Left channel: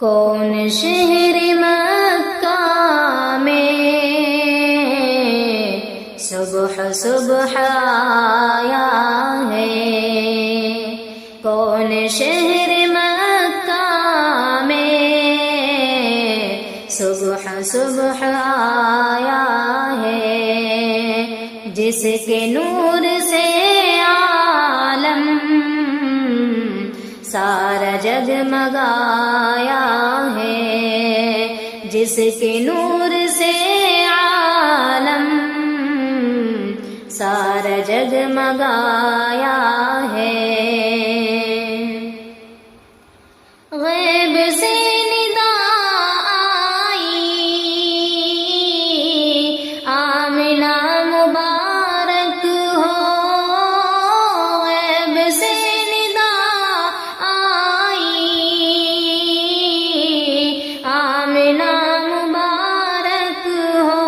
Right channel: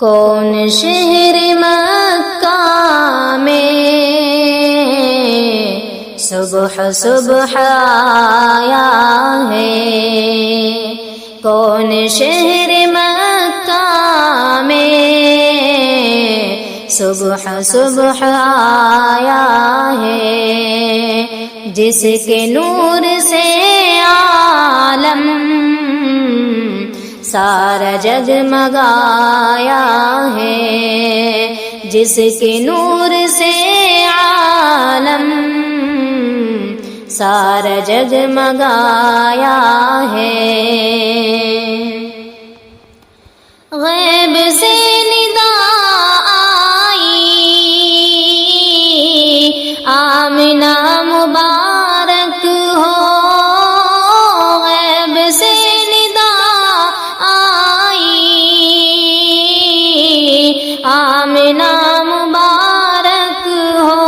کون شہر مکہ میں صبح صبح آیا ہے، کون شہر مکہ میں صبح صبح آیا ہے، جس کے نور سے عالم سارا جگمگایا ہے، جس کے نور سے عالم سارا جگمگایا ہے۔ غیب سے ندا آئی آمنہ مبارک ہو، غیب سے ندا آئی آمنہ مبارک ہو،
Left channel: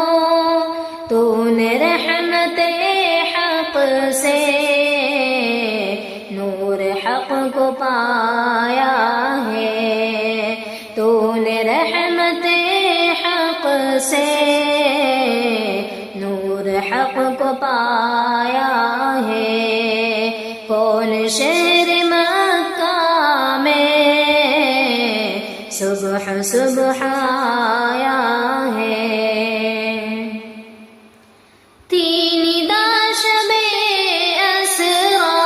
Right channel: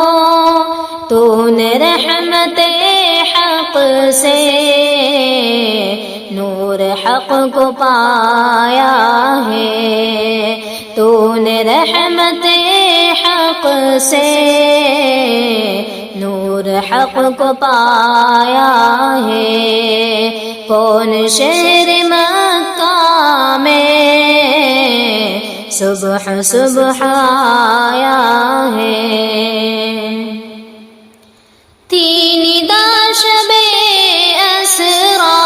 تو نے رحمت حق سے نور حق کو پایا ہے، تو نے رحمت حق سے نور حق کو پایا ہے۔ کون شہر مکہ میں صبح صبح آیا ہے، تین دا شب اسرا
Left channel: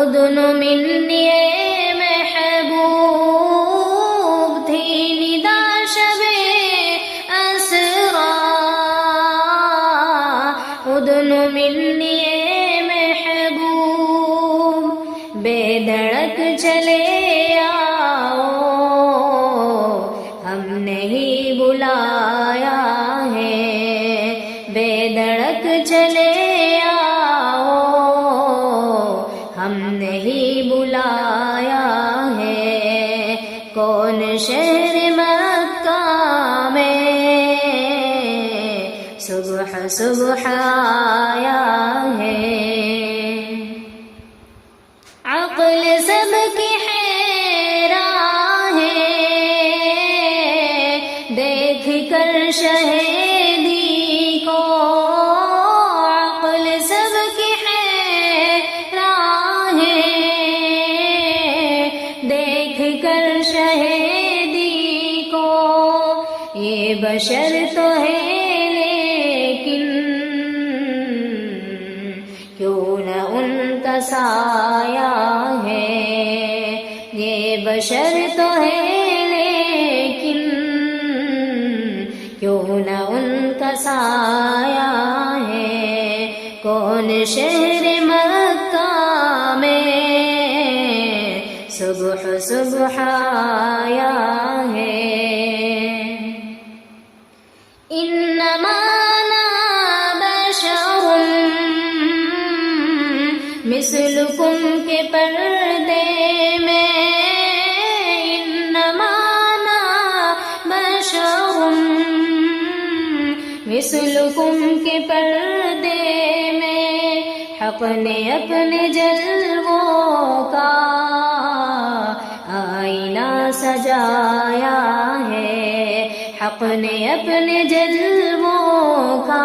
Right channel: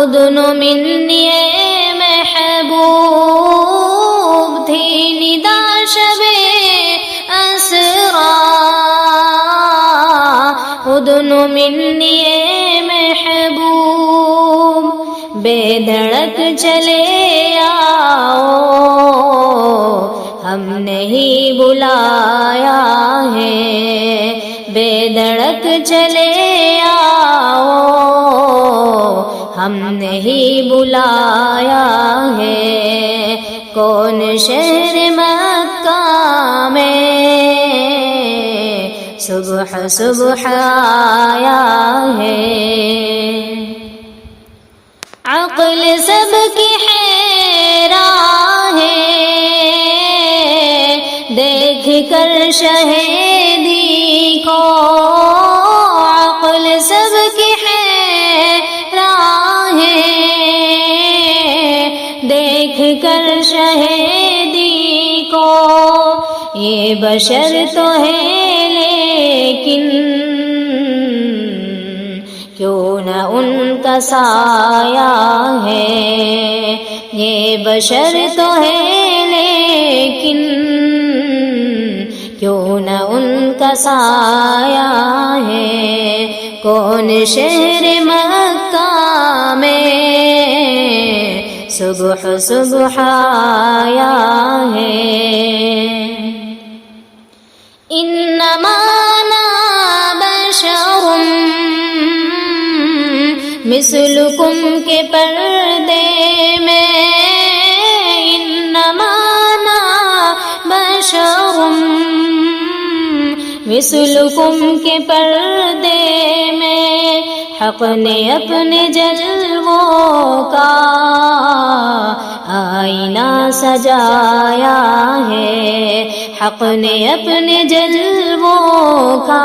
ادن منی محبوب، تین دا شب اسرا ادن منی محبوب، بے دھڑک چلے آؤ ہم نے ہی بلایا ہے، بے دھڑک چلے آؤ ہم نے ہی بلایا ہے۔ کون شہر مکہ میں صبح صبح آیا ہے، عقل سب کی حیران ہے دیکھ کر شہیدی کو، عقل سب کی حیران ہے دیکھ کر شہیدی کو، یہ بشر تو ہے لیکن کیوں نہ ان کا سایہ ہے، یہ بشر تو ہے لیکن کیوں نہ ان کا سایہ ہے۔ کون شہر مکہ میں صبح صبح آیا ہے، انما انا بشر مثلکم کے پردے میں، انما انا بشر مثلکم کے پردے میں، حق نے اپنے جلووں کا آئینہ سجایا ہے، حق نے اپنے جلووں کا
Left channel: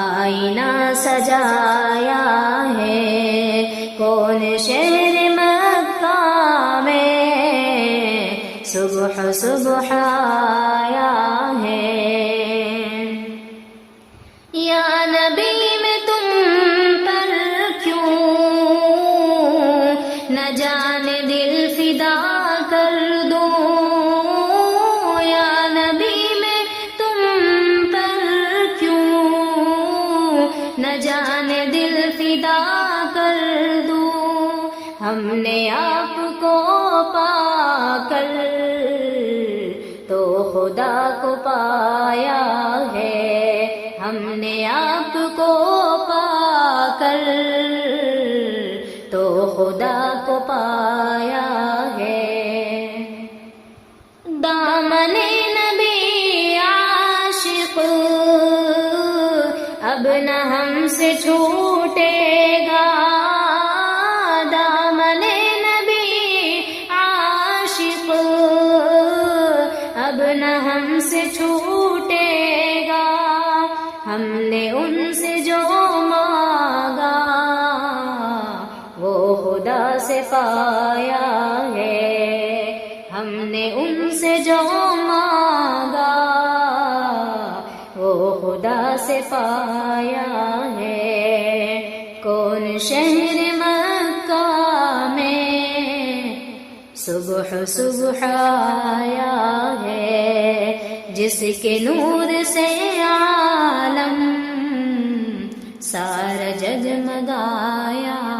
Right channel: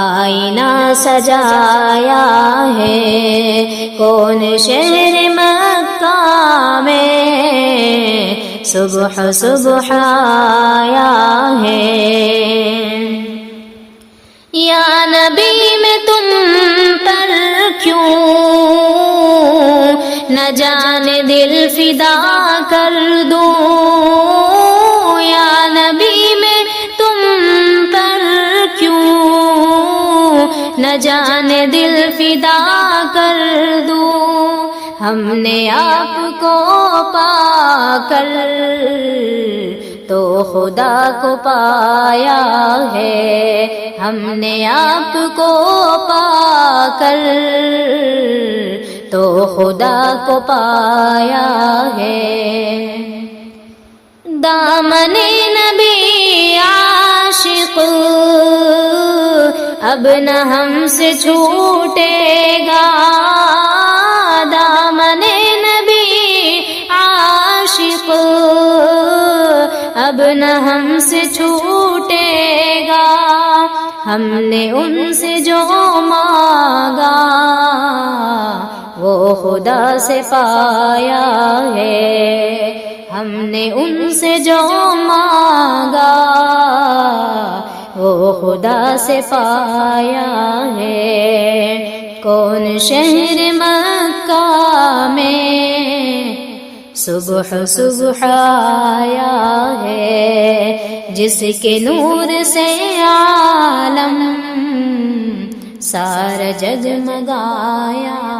آئینہ سجایا ہے۔ کون شہر مکہ میں صبح صبح آیا ہے، یا نبی میں تم پر کیوں نہ جانے دل فدا کر دوں، یا نبی میں تم پر کیوں نہ جانے دل فدا کر دوں، ہم نے آپ کو پا کر تو خدا کو پایا ہے، ہم نے آپ کو پا کر تو خدا کو پایا ہے۔ دامن نبی عاشق اب نہ ہم سے چھوٹے گا، اب نہ ہم سے چھوٹے گا، ہم نے ان سے جو مانگا وہ خدا سے پایا ہے، ہم نے ان سے جو مانگا وہ خدا سے پایا ہے۔ کون شہر مکہ میں صبح صبح آیا ہے، جس کے نور سے عالم سارا جگمگایا